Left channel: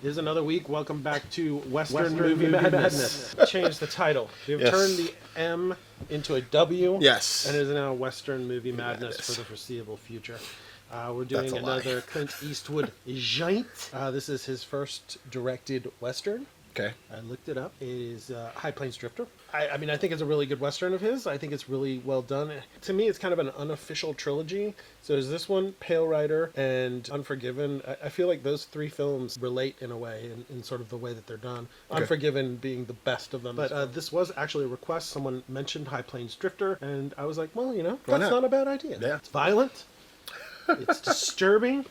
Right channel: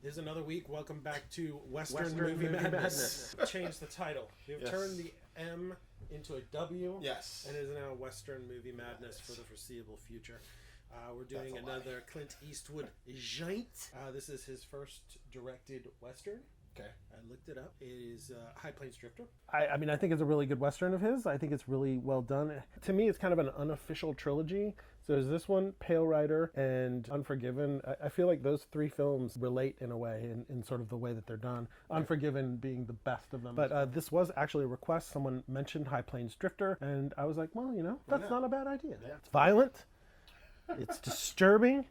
It is another week. Welcome back to Western Movie Madness. Change the title. We've turned the M into a W. Yes. And it is now Western Movie Madness for the foreseeable future. We're doing another Clint Eastwood joint. This is his first directed Western. Okay. I looked it up. It is High Plains Drifter. I mean, I think it's a really good Western of his. I think it's really well done. To me, it's kind of an unofficial trilogy. So there's this one, Pale Rider, and Unforgiven. I feel like those three films relate in a way, in sort of the way that they're done. Okay. Unforgiven being the best of them. But this was actually a request. Someone mentioned High Plains Drifter, and I was like, well, you know, that's not a bad idea. Yeah. It's violent. It's disturbing.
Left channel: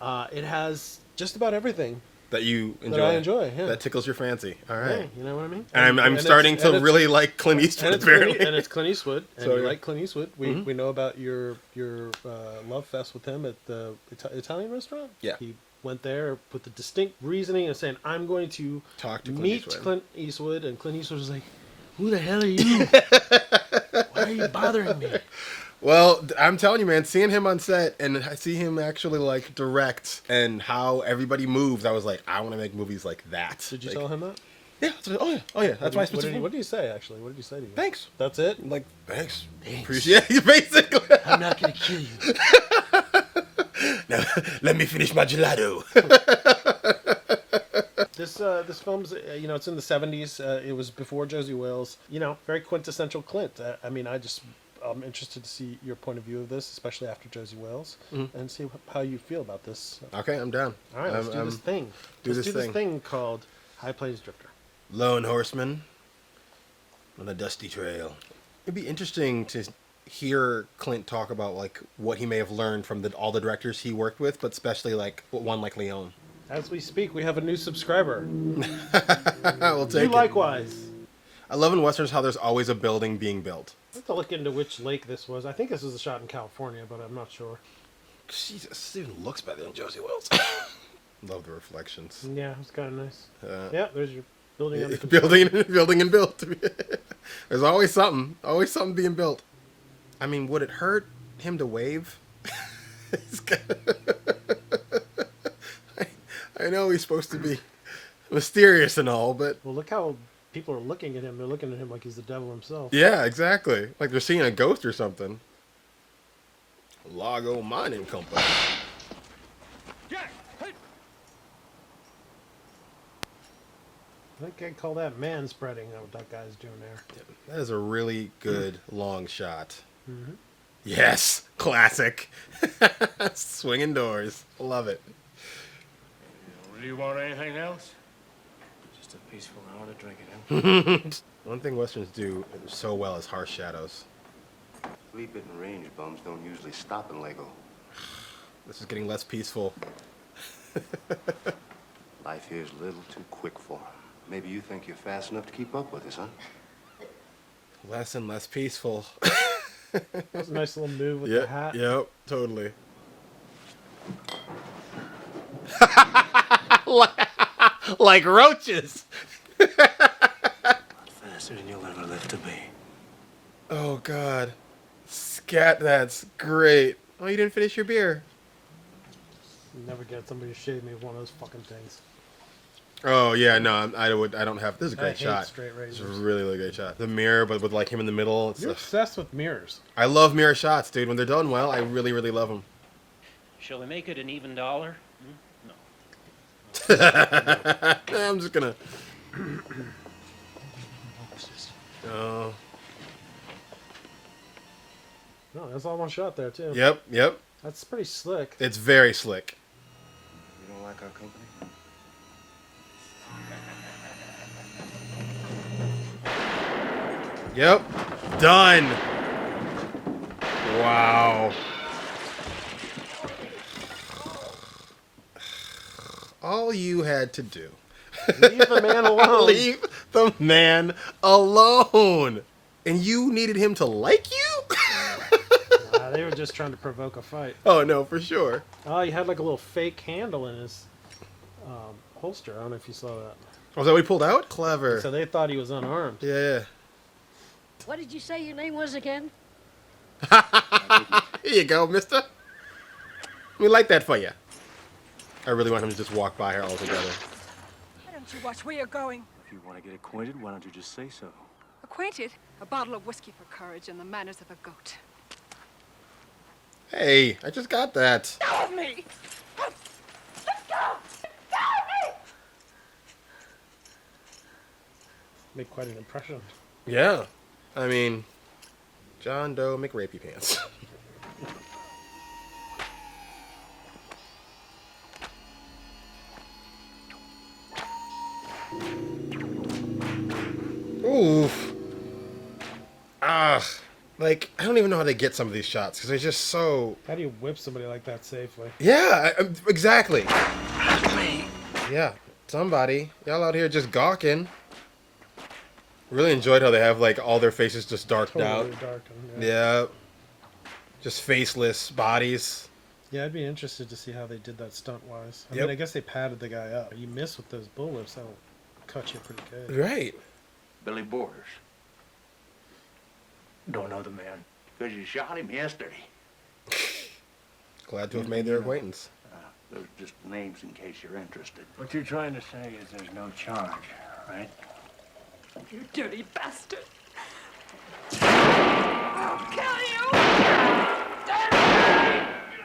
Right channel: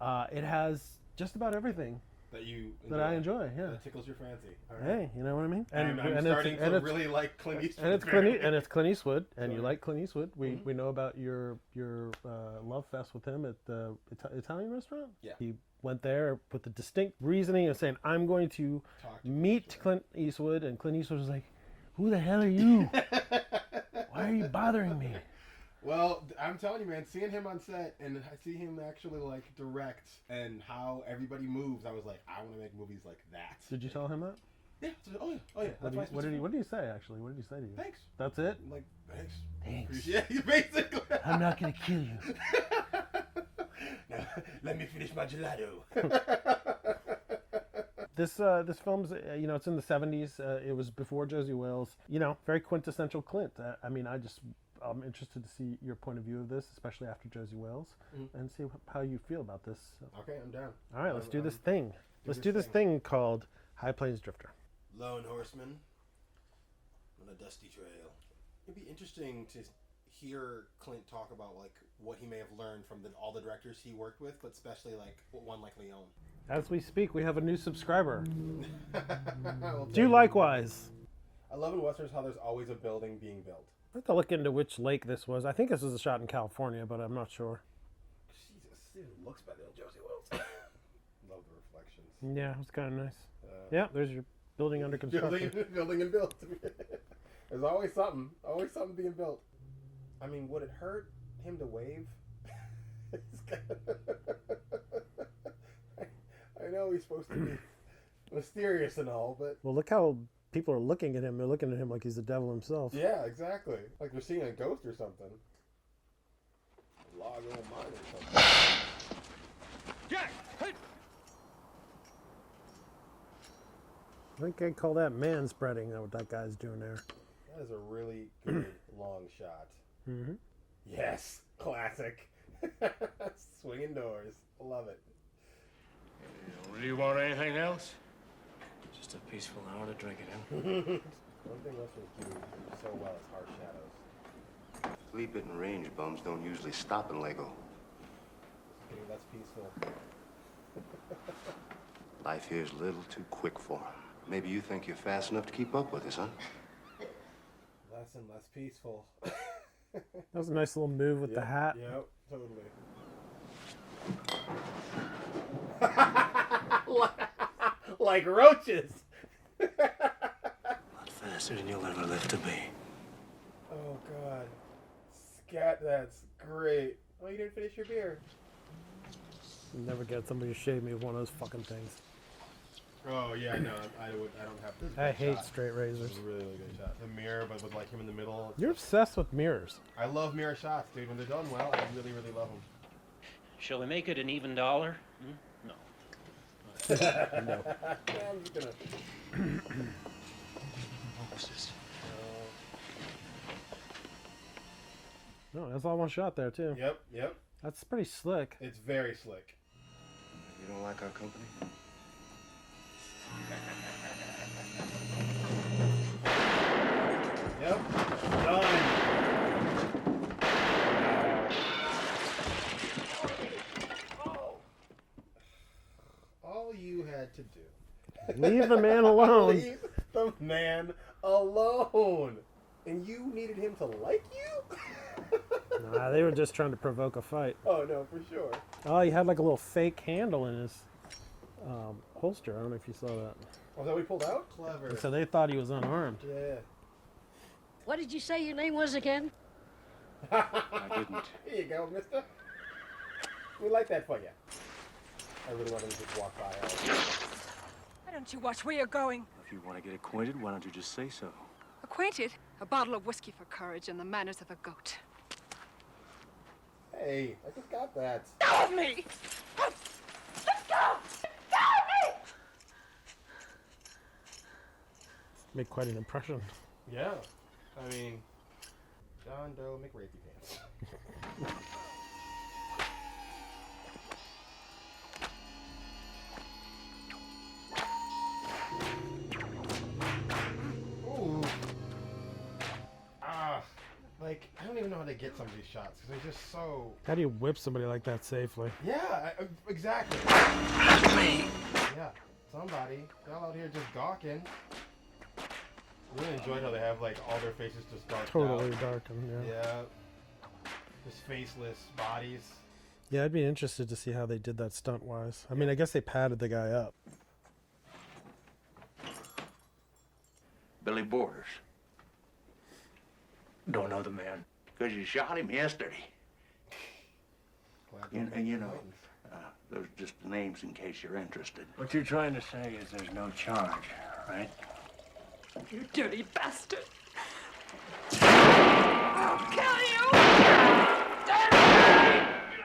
It has just about everything that you enjoy. That I enjoy, yeah. That tickles your fancy. All right. Yeah, you know what I mean? And I'm starting to really like Clint Eastwood, apparently. And it's Clint Eastwood, and you like Clint Eastwood. We know about your love fest with him at the Italian restaurant. Yeah. He went there with the distinct reasoning of saying, I'm going to meet Clint Eastwood, and Clint Eastwood was like, who the hell are you? Why are you bothering me? Well, I'm telling you, man, seeing him on set and I see him actually like direct and how everybody moves, I was like, I want to make movies like that. Did you tell him that? Yeah. Oh yeah. That's why I specifically. What did he say? Actually, what did he say to you? Thanks. That's it. Like thanks. Appreciate you, basically. I'm not gonna kill you. Now let me finish my gelato. This film's, you know, it's in the 70s. It was before Josie Wales. You know, very quintessential Clint. I'm interested to see your point of view of this, especially after Josie Wales, and see how you feel about this. Okay, I'm down. All right, let's do this thing. Let's do this thing called High Plains Drifter. Lone horseman on a dusty trail. It'd be interesting to hear Clint talk about like what he may have learned from all the directors he worked with, but especially like one like Leone. As we speak, we have a new subscriber. We'll take it. Likewise. I love in westerns how there's always a building being built. I have to look into which lake this was. I think this was a shot in California, but I'm not sure. Jesus, this even looks better than Josie Wales. Love the reflections. Yeah, it's kind of nice. Yeah, there's your building. Building and built. There's always something being built. I mean, would it hurt him to wave? I know he's supposed to be mysterious and all, but... Well, look how people are looking at him. They're looking at him like he's the devil himself. Yeah, exactly. Like they're seeing a ghost or something. Lago Mining Company. Jack! Hey! I think I'd call that man spreading, what that guy's doing there. That is a really good long shot. Mm-hmm. Yes! Classic. Swinging doors. Love it. Do you want anything else? Just a peaceful hour to drink it in. One thing westerns do so well is harsh shadows. Sleep-in range bums don't usually stop in Lago. This is getting less peaceful. Life here is a little too quick for him. Maybe you think you're fast enough to keep up with us, huh? Less and less peaceful. That's a nice little move with the hat. Yep, totally. Like roaches. A lot faster than you'll ever live to be. Oh, God. Scat, that's great. Oh, you didn't finish your beer. Never get somebody to shave me with one of those fucking things. Oh, yeah, no, I don't have... This is a great shot. I hate straight razors. This is a really, really great shot. The mirror, but with, like, him in the middle. You're obsessed with mirrors. I love mirror shots, dude. When they're done well, I really, really love them. Shall we make it an even dollar? No. I'm just gonna... Oh. No, that's all one shot there, too. Yep. That's pretty slick. It's very slick. You don't like our company? Yep. Done. Wow. All you had to do. Leave the man alone. Leave the man alone. And you needed him to like you? They were just trying to provoke a fight. Oh, no, for sure. Oh, he had like a little fake handle in his holster. I don't know if you saw that. Was that what he pulled out? Clever. So they thought he was unarmed. Yeah. What did you say your name was again? Here you go, mister. Let me light that for you. I really want him to just walk by her altogether. don't you watch where you're going? If you want to get acquainted, why don't you just say so? Acquainted? A bottle of whiskey for courage and the manners of a goat. Hey, I just got that. Go with me! Let's go! Go with me! Make quite an impression. Yeah. I mean, John Doe McRapey pants. Oof. Ah. Like, I don't even know how they get some of these shots because they're just so... How do you whip somebody like that safely? Yeah, exactly. Yeah, somebody. Y'all out here just gawking. Really enjoyed how they have, like, all their faces just darked out. Totally darkened. Yeah. Just faceless bodies. Yeah, I'd be interested to see how they did that stunt-wise. I Yep. mean, I guess they padded the guy up. You miss with those bullets, that'll cut you pretty good. Right. Billy Borders. Don't know the man. Because you shot him yesterday. Glad to have made their acquaintance. Those are just names in case you're interested. What you're trying to say is there's no charge, right? You dirty bastard! I'll kill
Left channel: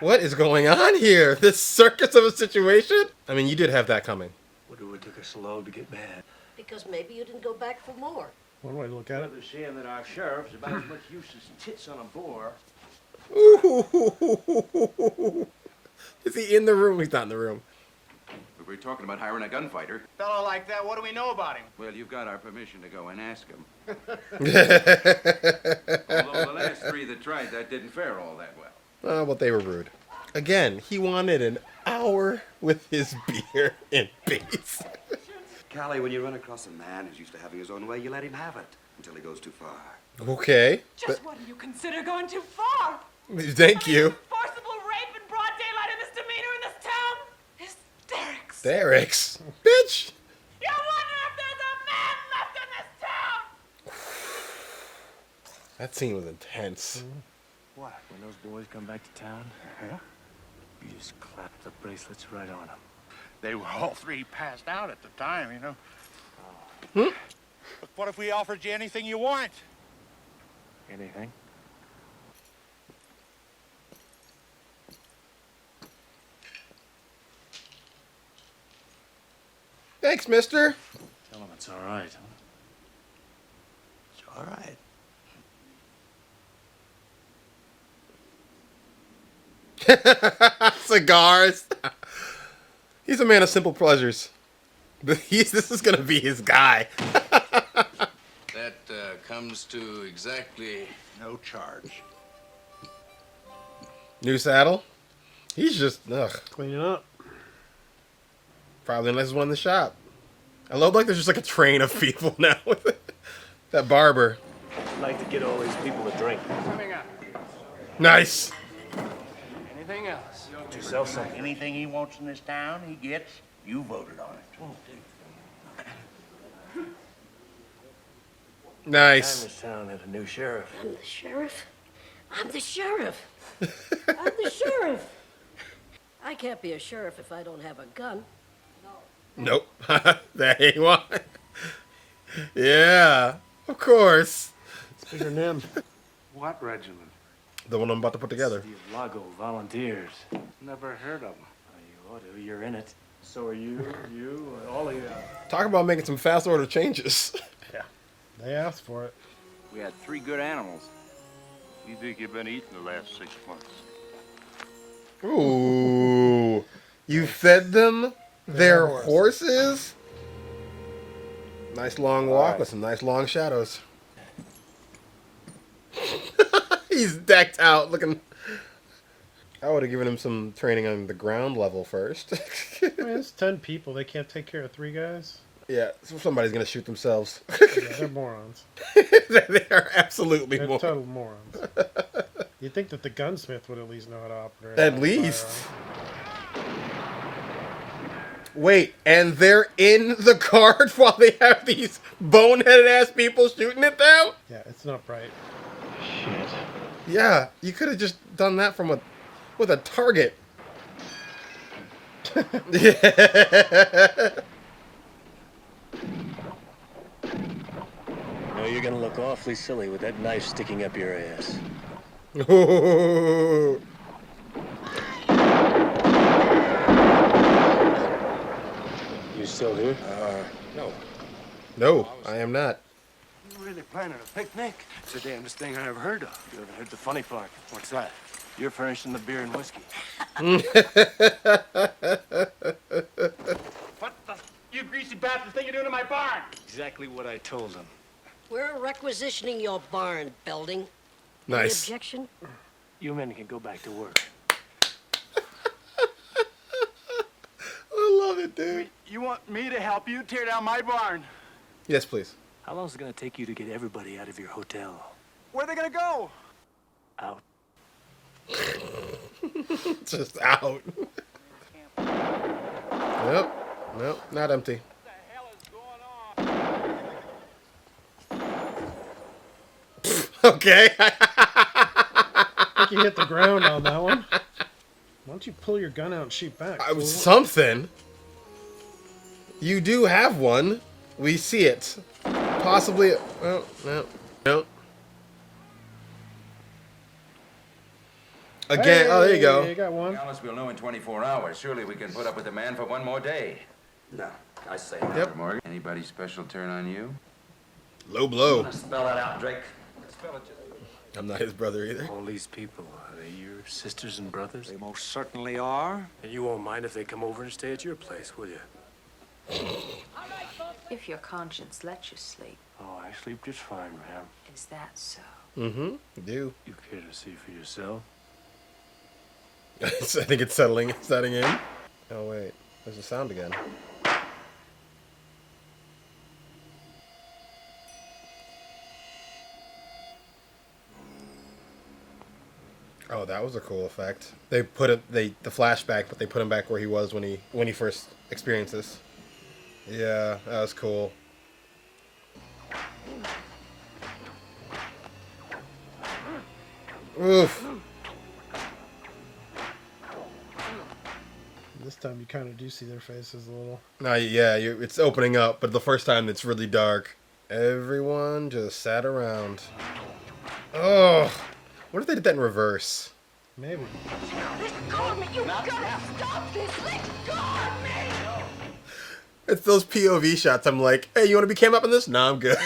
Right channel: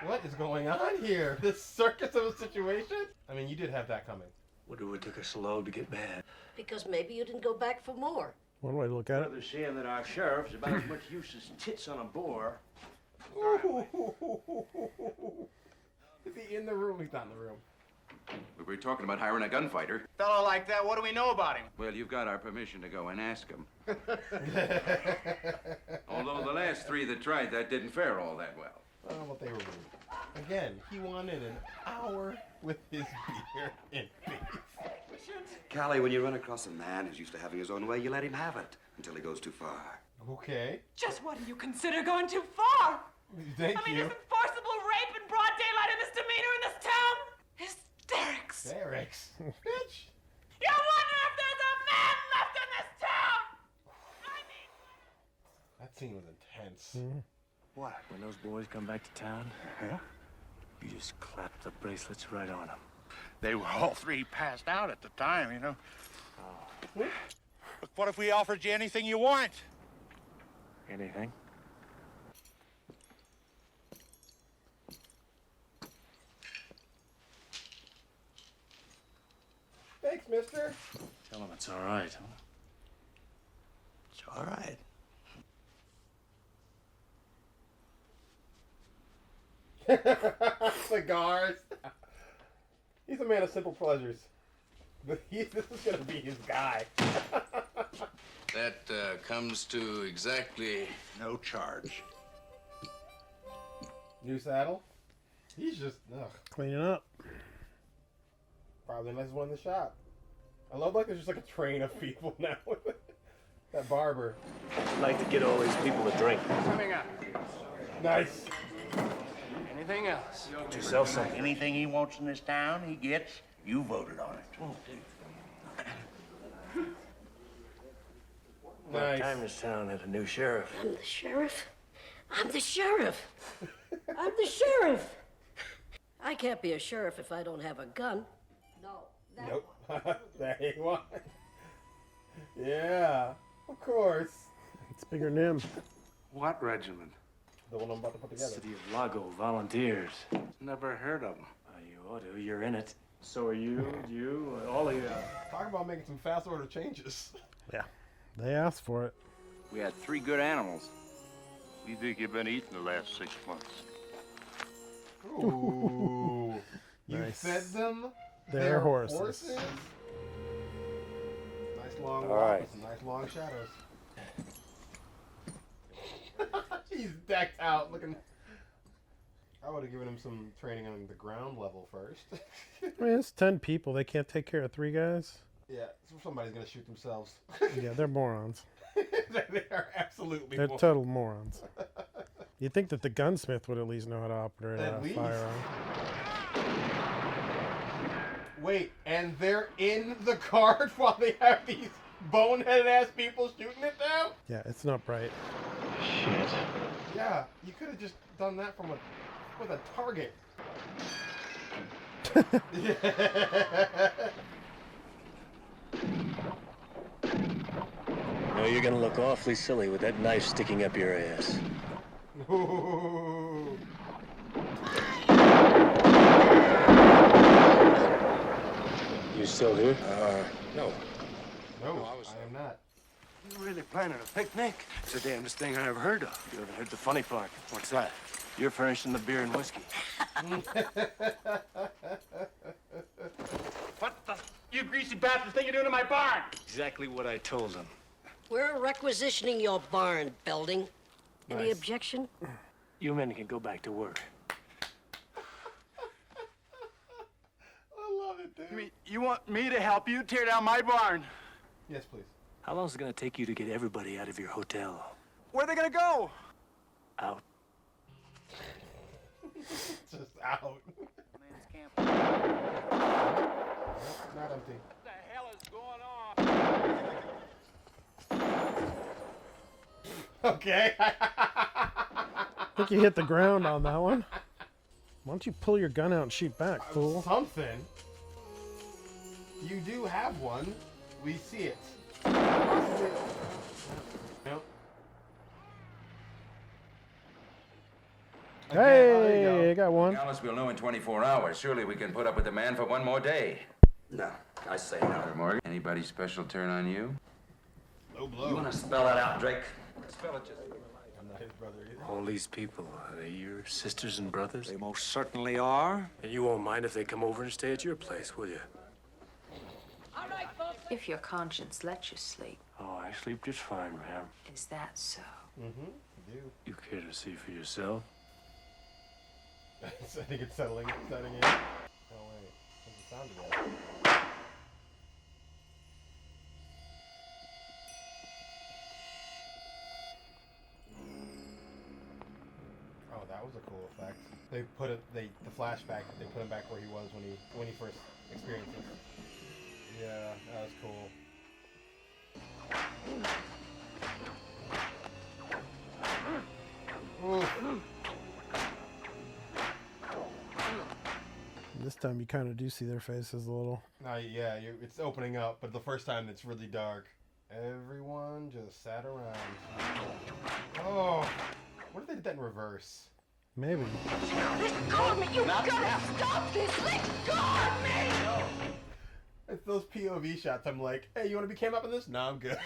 you! What is going on here? This circus of a situation? I mean, you did have that coming. What do it took us so long to get mad? Because maybe you didn't go back for more. One way to look at it. Brother saying that our sheriff's about as much use as tits on a boar. Ooh. Is he in the room? He's not in the room. We were talking about hiring a gunfighter. Fellow like that, what do we know about him? Well, you've got our permission to go and ask him. Although the last three that tried that didn't fare all that well. Oh, but they were rude. Again, he wanted an hour with his beer and face. Callie, when you run across a man who's used to having his own way, you let him have it until he goes too far. Okay. Just what do you consider going too far? Thank you. Forcible rape in broad daylight and misdemeanor in this town? Hysterics. Derrick's. Bitch. You wonder if there's a man left in this town? That scene was intense. What? When those boys come back to town, you just clap the bracelets right on them. They were all three passed out at the time, you know. Hmm? But what if we offered you anything you want? Anything? Thanks, mister. Tell them it's all right, huh? It's all right. Cigars. He's a man of simple pleasures. This is gonna be his guy. That comes to exactly No charge. New saddle. He's just Cleaning up. probably the nicest one in the shop. I love like there's just like a train of people now with it. That barber. I'd like to get all these people a drink. Coming up. Nice. Anything else? To sell something. Anything he wants in this town, he gets. You voted on it. Time Nice. this town had a new sheriff. I'm the sheriff. I'm the sheriff. I'm the sheriff. I can't be a sheriff if I don't have a gun. No. Nope. That ain't one. Yeah, of course. It's bigger than him. What regiment? The one I'm about to put together. City of Lago volunteers. Never heard of him. You ought to. You're in it. So are you, all of you. Talk about making some fast order changes. Yeah. They asked for it. We had 3 good animals. What do you think you've been eating the last 6 months? Ooh. You fed them their horses? Nice long walk with some nice long shadows. He's decked out looking. I would have given him some training on the ground level first. I mean, it's 10 people. They can't take care of 3 guys. Yeah, so somebody's gonna shoot themselves. Yeah, they're morons. They are absolutely They're morons. total morons. You'd think that the gunsmith would at least know how to operate. At a least. firearm. Wait, and they're in the cart while they have these boneheaded ass people shooting at them? Yeah, it's not bright. Shit. Yeah, you could have just done that from with a target. Yeah. know, you're gonna look awfully silly with that knife sticking up your ass. You still here? No. No, I am not. You're really planning a picnic? It's the damnedest thing I ever heard of. You haven't heard the funny part. What's that? You're furnishing the beer and whiskey. What the you greasy bastard think you're doing in my barn? Exactly what I told them. We're requisitioning your barn building. Any Nice. objection? You men can go back to work. I love it, dude. You want me to help you tear down my barn? Yes, please. How long is it gonna take you to get everybody out of your hotel? Where are they gonna go? Out. Just out. Nope. Nope, not empty. What the hell is going on? Okay. I think you hit the ground on that one. Why don't you pull your gun out and shoot back? Fool? Something. You do have one. We see it. Possibly. Oh, no. Again. Oh, there you Hey, go. you got one. Alice, we'll know in 24 hours. Surely we can put up with the man for one more day. No, I say no. Yep. Morgan, anybody special turn on you? Low You blow. want to spell that out, Drake? Spell it just. I'm not his brother either. All these people, are they your sisters and brothers? They most certainly are. And you won't mind if they come over and stay at your place, will you? If your conscience lets you sleep, Oh, I sleep just fine, ma'am. is that so? Mm-hmm. Do. You care to see for yourself? I think it's setting in. Oh wait, there's the sound again. Oh, that was a cool effect. They put it the flashback, but they put him back where he was when he first experienced this. Yeah, that was cool. Oof. This time you kind of do see their faces a little. No, yeah, it's opening up, but the first time it's really dark. Everyone just sat around. Oh, what if they did that in reverse? Maybe. Let go of me! You gotta stop this! Let go of me! It's those POV shots. I'm like, hey, you want to be cam up in this? No, I'm good.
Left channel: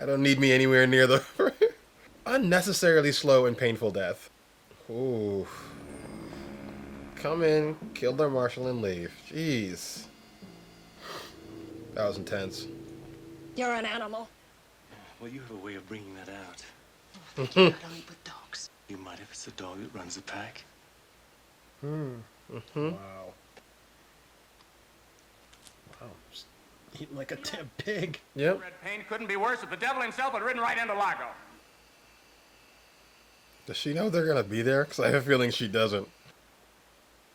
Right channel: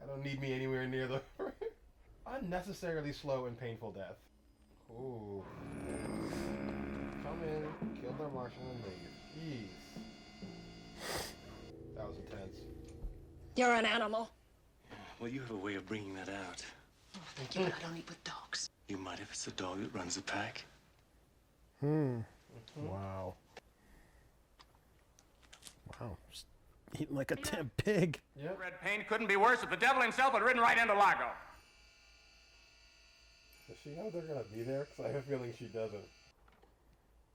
I don't need me anywhere near the unnecessarily slow and painful death. Ooh. Come in, kill their marshal, and leave. Jeez. That was intense. You're an animal. Well, you have a way of bringing that out. I do not only with dogs. You might if it's the dog that runs the pack. Wow. Wow. Just eating like a damn pig. Yep. Red paint couldn't be worse if the devil himself had ridden right into Lago. Does she know they're gonna be there? Because I have a feeling she doesn't.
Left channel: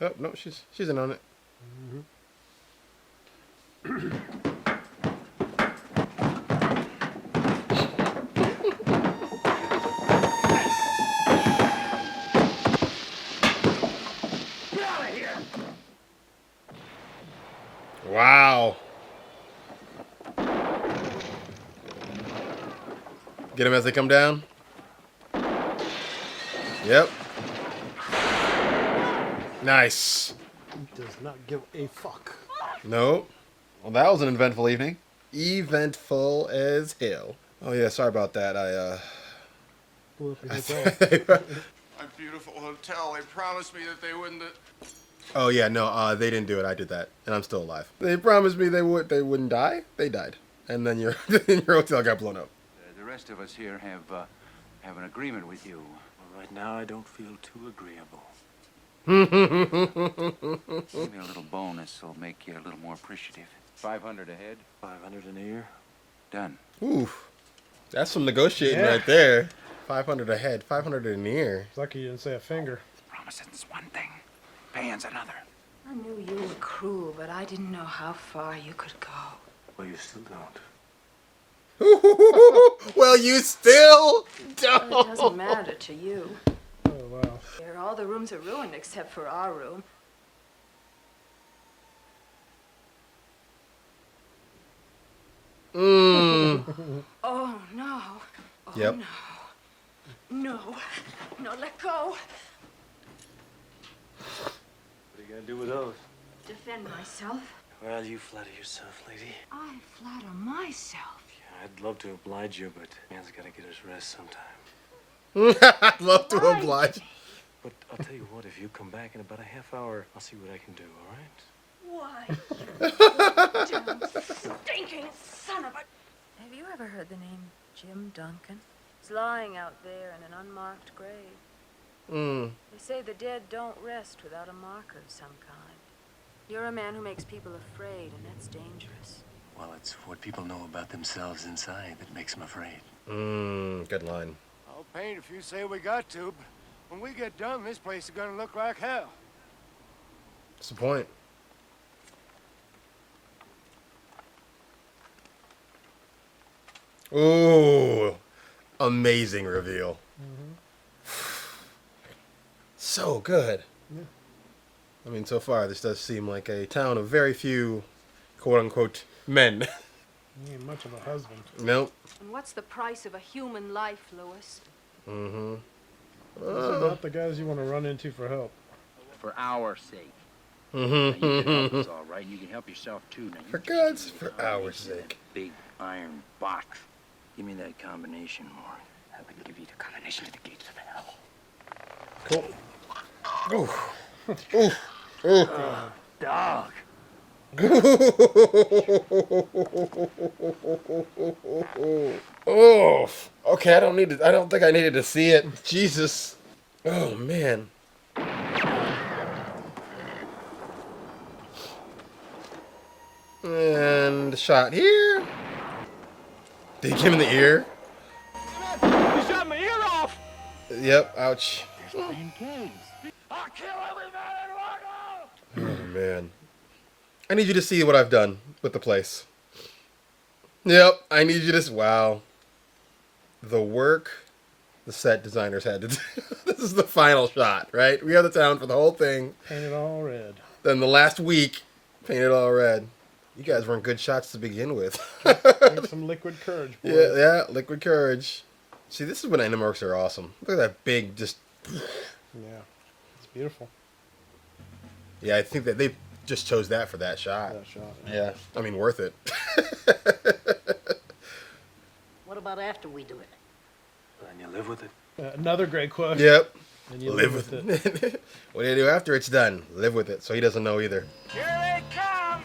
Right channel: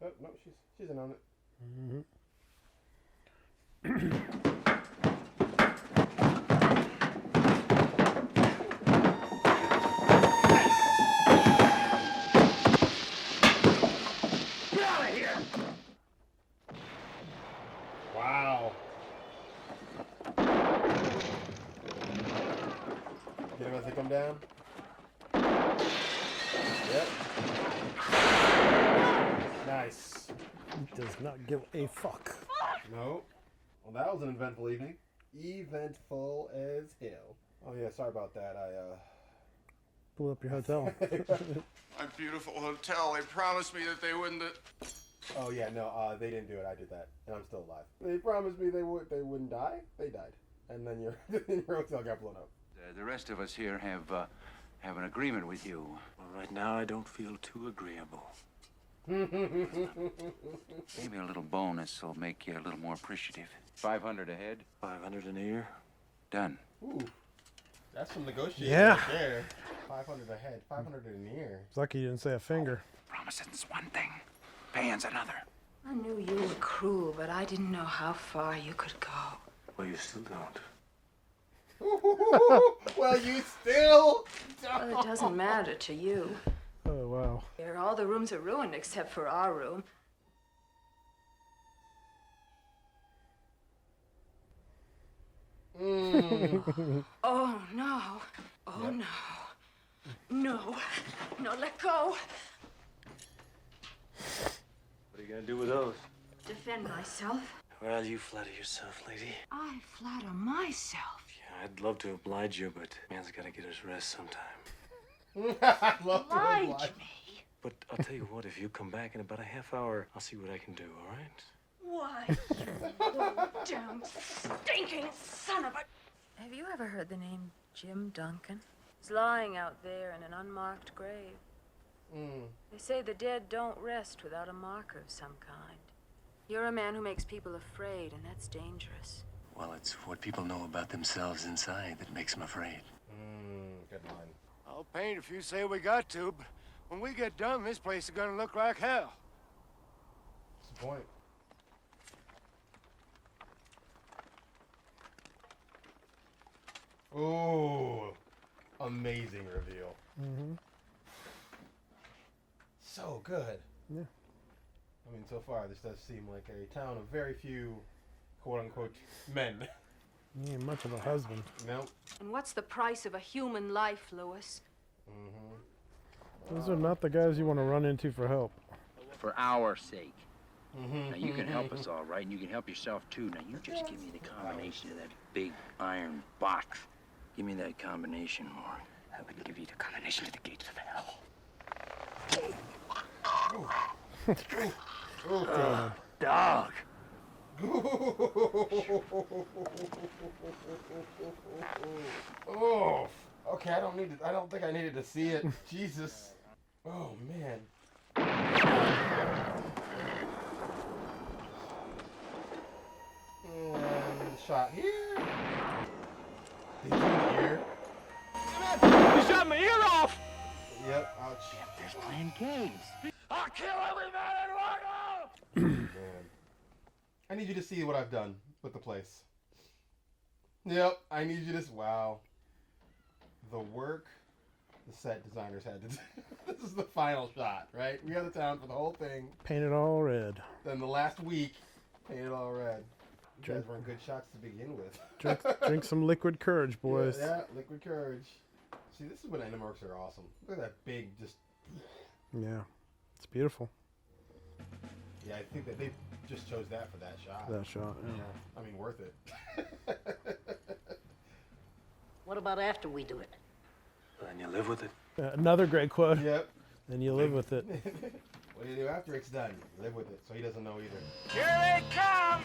Oh no, she's in on it. Wow. Get them as they come down. Yep. Nice. Does not give a fuck. Nope. Well, that was an eventful evening. Eventful as hell. Oh yeah, sorry about that. Pull up your hotel. My beautiful hotel. They promised me that they wouldn't. Oh yeah, no, they didn't do it. I did that, and I'm still alive. They promised me they wouldn't die. They died, and then your hotel got blown up. The rest of us here have an agreement with you. Well, right now, I don't feel too agreeable. Maybe a little bonus will make you a little more appreciative. 500 a head. 500 an ear. Done. Oof, that's some negotiating Yeah. right there. 500 a head, 500 a year. It's lucky you didn't say a finger. Promising's one thing. Paying's another. I knew you were cruel, but I didn't know how far you could go. Well, you still don't. Well, you still don't. Well, it doesn't matter to you. Oh, wow. Here, all the rooms are ruined except for our room. Oh, no. Oh, Yep. no. No. No, let go. What are you gonna do with those? Defend myself. Well, you flatter yourself, lady. I flatter myself. Yeah, I'd love to oblige you, but man's gotta get his rest sometime. I'd love to oblige. But I'll tell you what, if you come back in about a half hour, I'll see what I can do, all right? Why, you damn stinking son of a... Have you ever heard the name Jim Duncan? He's lying out there in an unmarked grave. They say the dead don't rest without a marker of some kind. You're a man who makes people afraid, and that's dangerous. Well, it's what people know about themselves inside that makes them afraid. Good line. I'll paint if you say we got to, but when we get done, this place is gonna look like hell. What's the point? Ooh, amazing reveal. So good. Yeah. I mean, so far, this does seem like a town of very few, quote-unquote, men. He ain't much of a husband. Nope. And what's the price of a human life, Lewis? It's about the guys you want to run into for help. For our sake. Now, you can help us all right, and you can help yourself too. Now, you For just give God's, me the for our combination of that sake. big iron box. Give me that combination, Morgan. I would give you the combination to the gates of hell. Dog! Oh, okay. I don't think I needed to see it. Jesus. Oh man. And shot here. Did he give him in the ear? You shot my ear off! Yep. Ouch. There's Plan K's. I'll kill every man in Lago! Oh man. I need you to see what I've done with the place. Yep. I need you to. Wow. The work the set designers had to do. This is the final shot, right? We have the town for the whole thing. Painted all red. Then the last week, painted all red. You guys weren't good shots to begin with. Drink some liquid courage, boys. Yeah, liquid courage. See, this is when animorphs are awesome. Look at that big, just... Yeah, it's beautiful. Yeah, I think that they just chose that for that shot. That shot. Yeah, I mean, worth it. What about after we do it? And you live with it? Another great quote. Yep. And you live with it. What do you do after it's done? Live with it. So he doesn't know either. Here they come!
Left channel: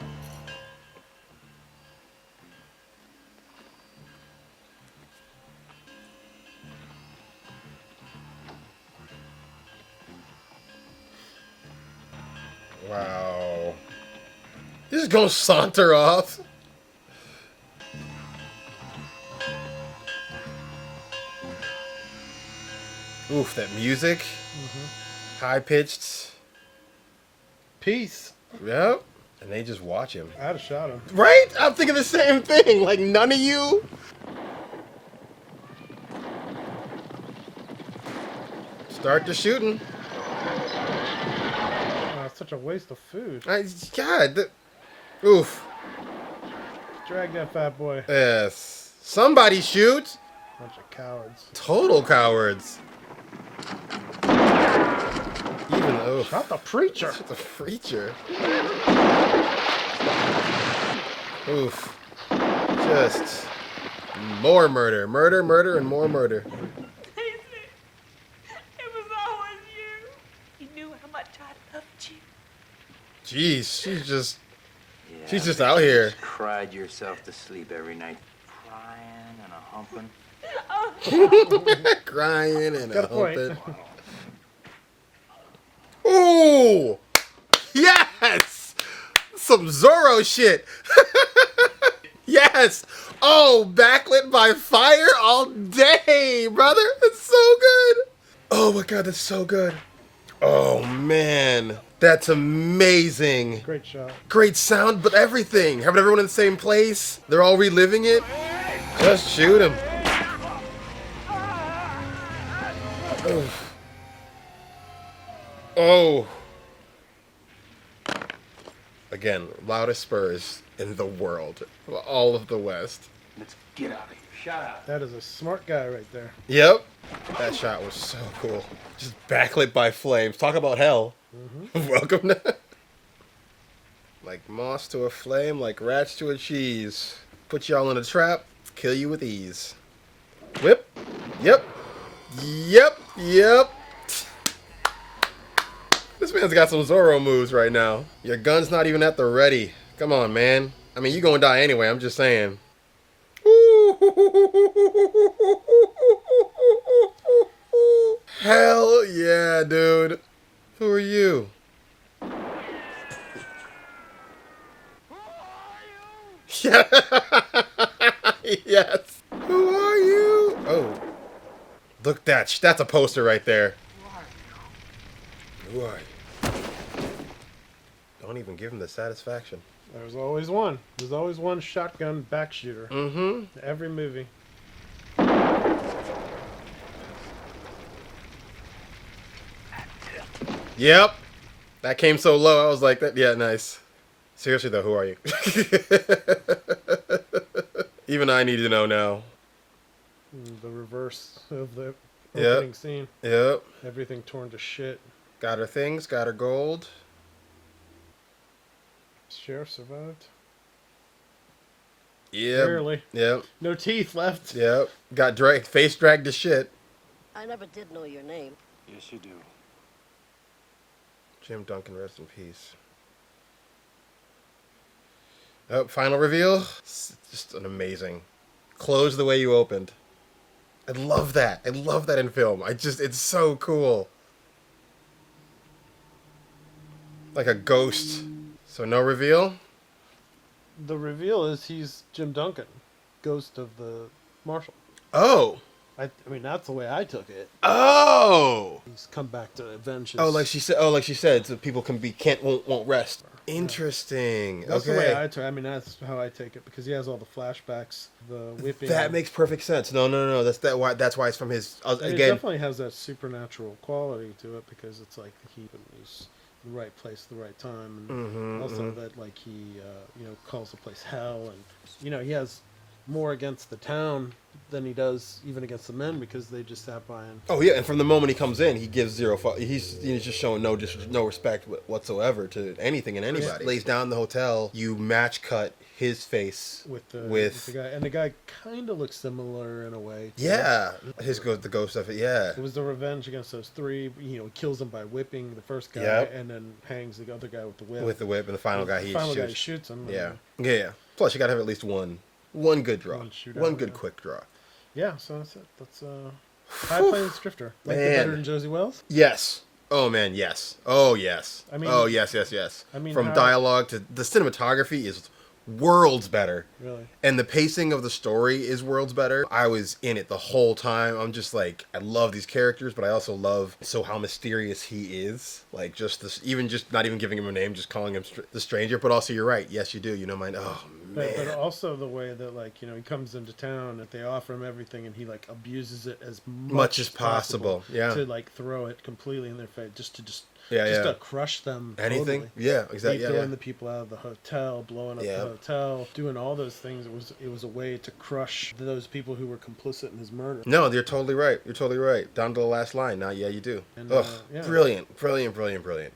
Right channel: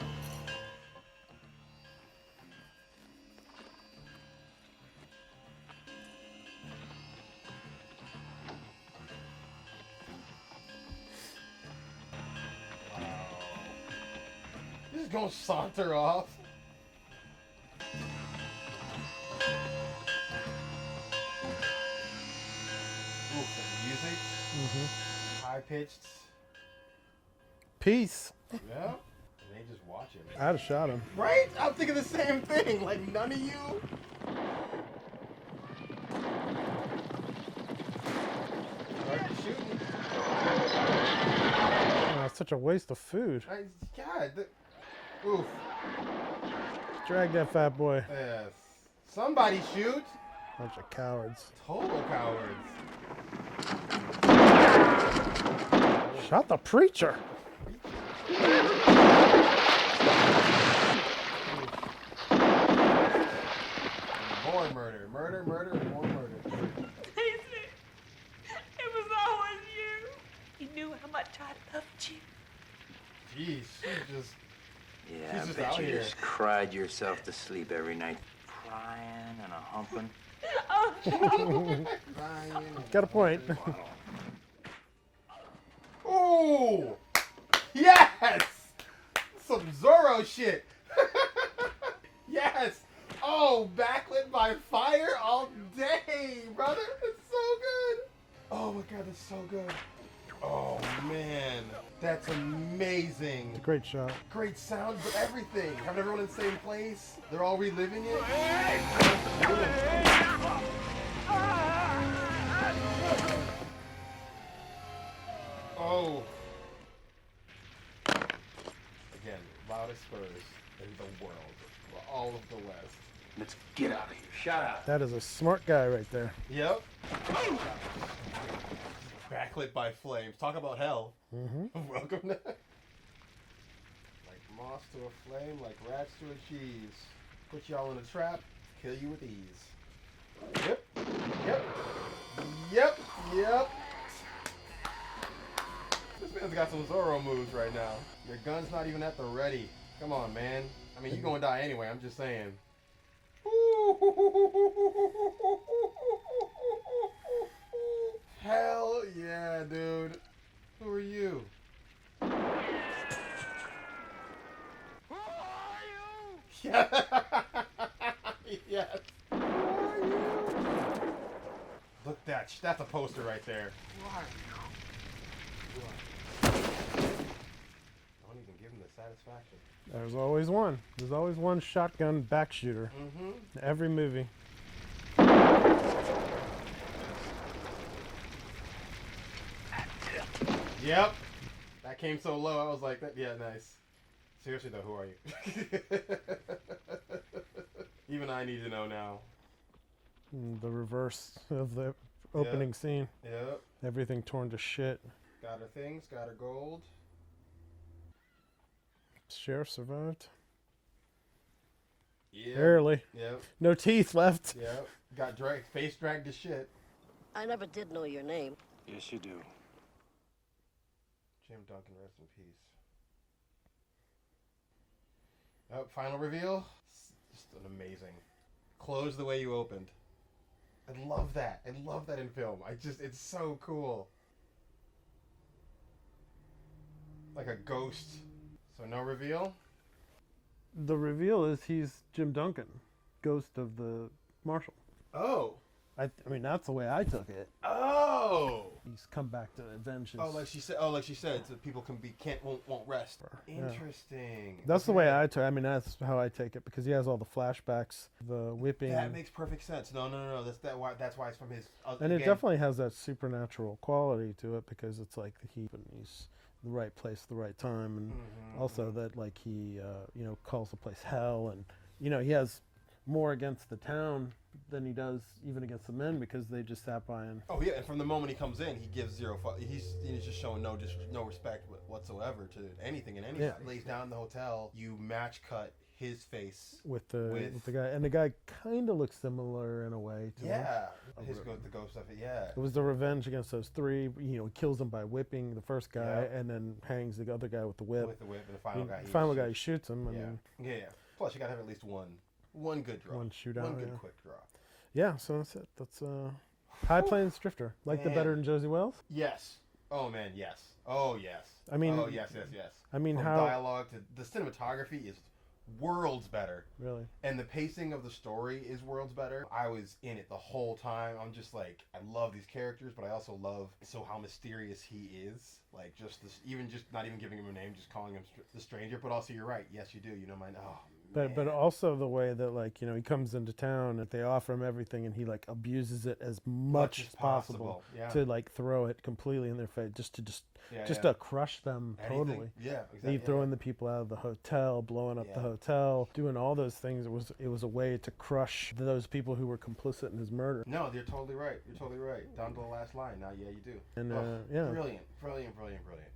Wow. He's just gonna saunter off. Oof, that music. High pitched. Peace. Yep. And they just watch him. I'd have shot him. Right? I'm thinking the same thing. Like, none of you. Start the shooting. Oh, it's such a waste of food. God. Oof. Drag that fat boy. Yes. Somebody shoot. Bunch of cowards. Total cowards. Shot the preacher. The preacher. Oof. Just more murder. Murder, murder, and more murder. It was always you. You knew how much I loved you. Jeez, she's just I bet out you here. Just cried yourself to sleep every night, crying and a humping. Crying and Good a point. humping. Ooh! Yes! Some Zorro shit. Yes! Oh, backlit by fire all day, brother. It's so good. Oh my god, that's so good. Oh man, that's amazing. Great shot. Great sound, but everything. Having everyone in the same place. They're all reliving it. Just shoot him. Oh. Again, loudest spurs in the world. All of the West. Let's get out of here. Shut up. That is a smart guy right there. Yep. That shot was so cool. Just backlit by flames. Talk about hell. Welcome to... Like moss to a flame, like rats to a cheese. Put y'all in a trap, kill you with ease. Whip. Yep. Yep. Yep. This man's got some Zorro moves right now. Your gun's not even at the ready. Come on, man. I mean, you gonna die anyway, I'm just saying. Hell yeah, dude. Who are you? Yeah. Yes. Who are you? Oh. Look, that's a poster right there. Who are you? Don't even give him the satisfaction. There's always one. There's always one shotgun back shooter. Mm-hmm. Every movie. Yep. That came so low. I was like, that. Yeah, nice. Seriously though, who are you? Even I need to know now. The reverse of the opening scene. Yep. Everything torn to shit. Got her things. Got her gold. Sheriff survived. Yeah. Barely. Yep. No teeth left. Yep. Got face dragged to shit. I never did know your name. Yes, you do. Jim Duncan, rest in peace. Oh, final reveal. It's just an amazing. Close the way you opened. I love that. I love that in film. It's so cool. Like a ghost. So no reveal? The reveal is he's Jim Duncan, ghost of the marshal. Oh. I mean, that's the way I took it. Oh. He's come back to avenge his... Oh, like she said, so people won't rest. Interesting. That's okay. the way I took it. I mean, that's how I take it, because he has all the flashbacks, the whipping. That makes perfect sense. No. That's why it's from his... And again, it definitely has that supernatural quality to it, because it's like he's in the right place at the right time, and also that like he calls the place hell, and he has more against the town than he does even against the men, because they just sat by and... Oh yeah, and from the moment he comes in, he gives zero. He's just showing no respect whatsoever to anything and anybody. Lays down the hotel. You match cut his face with the guy, and the guy kind of looks similar in a way. Yeah, the ghost of it. Yeah, it was the revenge against those three. He kills them by whipping the first guy, and then hangs the other guy with the whip. With the whip, and the final guy shoots him. Yeah. Plus, you gotta have at least one good draw, one good quick draw. Yeah, so that's it. That's High Plains Drifter. Like it better than Josie Wells? Yes. Oh man, yes. Oh yes. I mean, yes. I mean, from dialogue to the cinematography is worlds better. Really. And the pacing of the story is worlds better. I was in it the whole time. I'm just like, I love these characters, but I also love how mysterious he is. Like just this, even just not even giving him a name, just calling him the stranger. But also, you're right. Yes, you do. Man. Oh man. But also the way that he comes into town and they offer him everything and he abuses it as much as possible. Yeah. To throw it completely in their face, just to crush them. Anything. Totally. Yeah. Exactly. Throwing the people out of the hotel, blowing up the hotel, doing all those things. It was a way to crush those people who were complicit in his murder. No, you're totally right. Down to the last line. Now, yeah, you do. And, brilliant.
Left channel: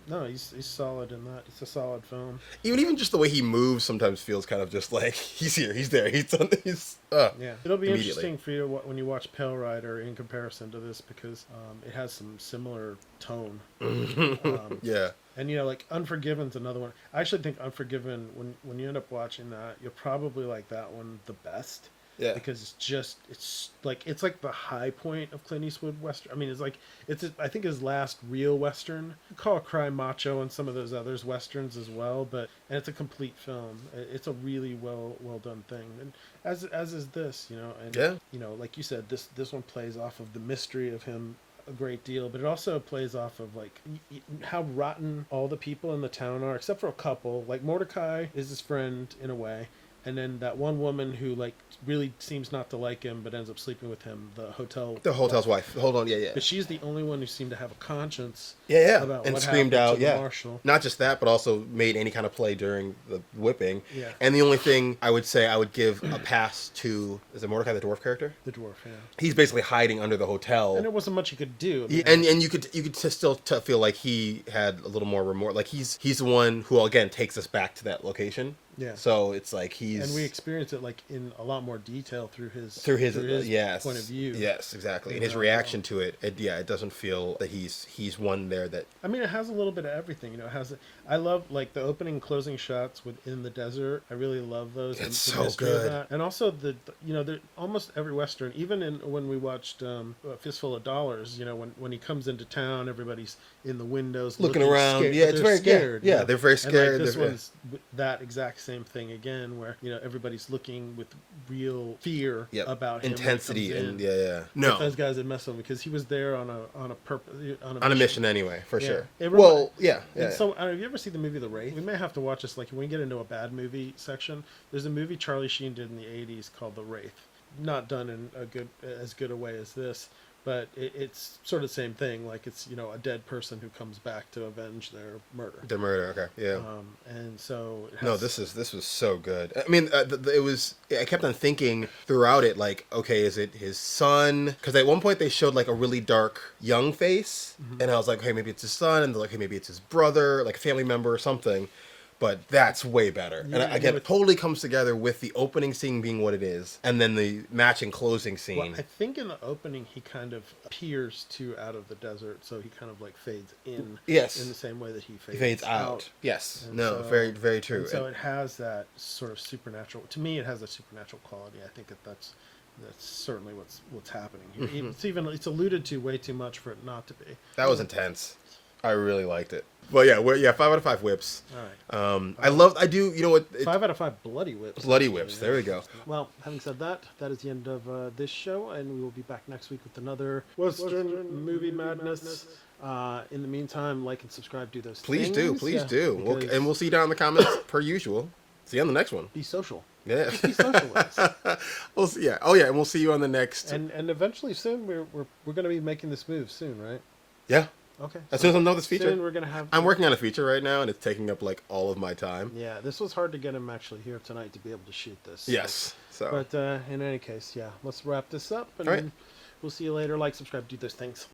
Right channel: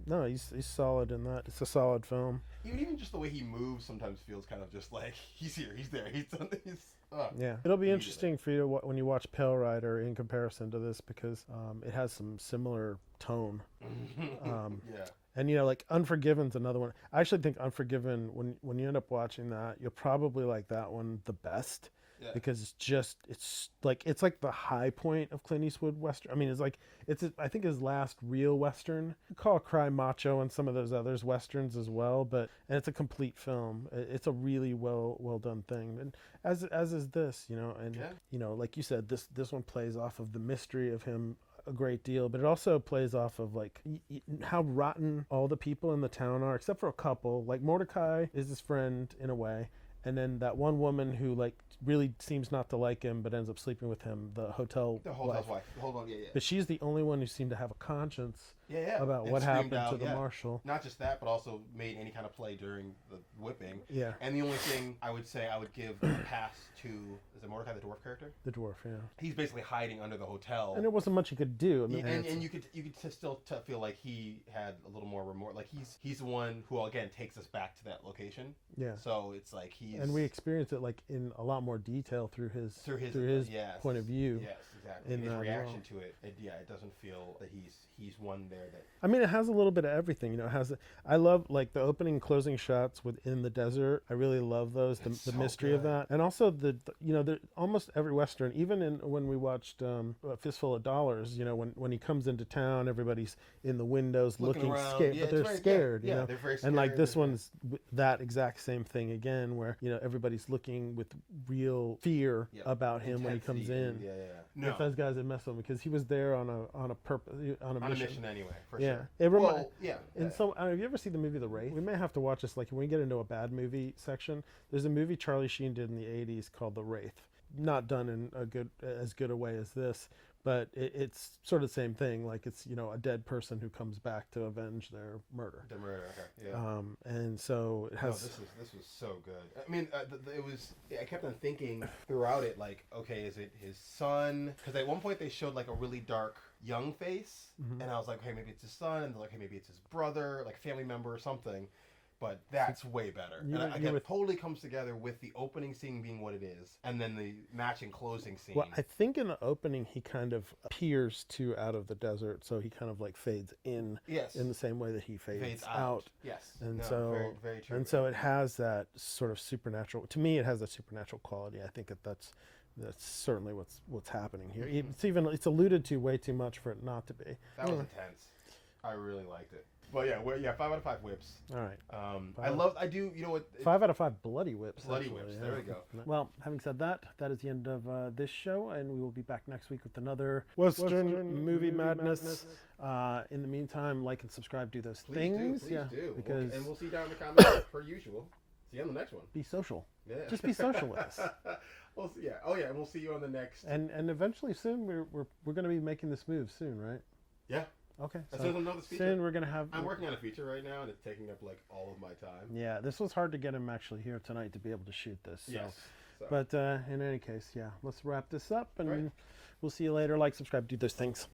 No, he's solid in that. It's a solid film. Even just the way he moves sometimes feels kind of just like he's here, he's there, he's done. It'll be interesting for you when you watch Pale Rider in comparison to this, because it has some similar tone. Yeah. And Unforgiven's another one. I actually think Unforgiven, when you end up watching that, you'll probably like that one the best. Yeah. Because it's like the high point of Clint Eastwood Western. I mean, I think his last real Western. You call Cry Macho and some of those others Westerns as well, and it's a complete film. It's a really well done thing. And as is this, like you said, this one plays off of the mystery of him a great deal, but it also plays off of how rotten all the people in the town are, except for a couple. Like Mordecai is his friend in a way, and then that one woman who like really seems not to like him, but ends up sleeping with him. The hotel's wife. Hold on, yeah. But she's the only one who seemed to have a conscience. Yeah. About And what screamed happened out, to the marshal. Not just that, but also made any kind of play during the whipping. Yeah. And the only thing I would say I would give a pass to, is it Mordecai the dwarf character? The dwarf, yeah. He's basically hiding under the hotel. And there wasn't much he could do. And you could still feel like he had a little more remorse. Like he's the one who again takes us back to that location. Yeah. So it's like and we experience it like in a lot more detail through his yes, point of view. Yes, exactly. And his reaction to it, it doesn't feel that he's one there that. I mean, it has a little bit of everything. You know, it has. I love like the opening and closing shots within the desert. I really love those. It's the so mystery good. of that. And also almost every Western, even when we watched A Fistful of Dollars, you know, when he comes into town, everybo's in the windows looking around. Scared, yeah, it's very scared. Yeah, you know? they're very scared. And like this one's that exact same thing again, where you know everybody's looking with real fear about him. Intensity and No, those guys had messed with him because he was there on a purpose on a mission anyway, for sure. And so, have you ever seen the movie The Wraith? We may have to watch this. Like when we get into a bad movie section, there's a movie Charlie Sheen did in the '80s called The Wraith. Not done in as good a way as this, but it's sort of the same thing. Like it's a dead person who comes back to avenge their murder. Their murder, okay, yeah. And so this was so good. I mean, it was. I kept on thinking throughout it, like, okay, is it his son? Because at one point they showed like a really dark young face, and I was like, hey, maybe it's his son, and they're like, hey, maybe it's his brother, like a family member or something. But that's way better. Yeah, and again, it totally comes together with the opening scene being what it is, and then the matching closing scene. Well, I think in the opening he kind of appears out of the desert, so he kind of like fades in. Yes. In the same way that he fades out. Yes. And no. Very, very true. And so it has that sort of supernatural. To me, it has a supernatural quality. I think that's certainly what's happening here. It's alluded to way too much for it not to be. That was intense. I really liked it. Well, 5 out of 5 whips. All right. I do. You know what? 5 out of 5 bloody whips. Bloody whips. There we go. Well, having said that, that is the end of this show, and we will be back next week with another Western movie madness. In the meantime, like and subscribe. Do those Please things. Please do. We'll see you down in the comments per usual. See you on the next one. Be social. Yeah. Just be social with us. We'll see. Yeah. Oh yeah, and we'll see you on the next. And eventually soon we're going to be making this move soon, right? Yeah. Okay. As soon as I know this feature, soon we're gonna have. I'm working on a feature right now, and it's taking up like all of my time. Yeah, this was hard to get him actually here tonight to be able to shoot this. Yes. So. But in any case, let's wrap this up, and all right. we'll see you later. Like, subscribe, do those things.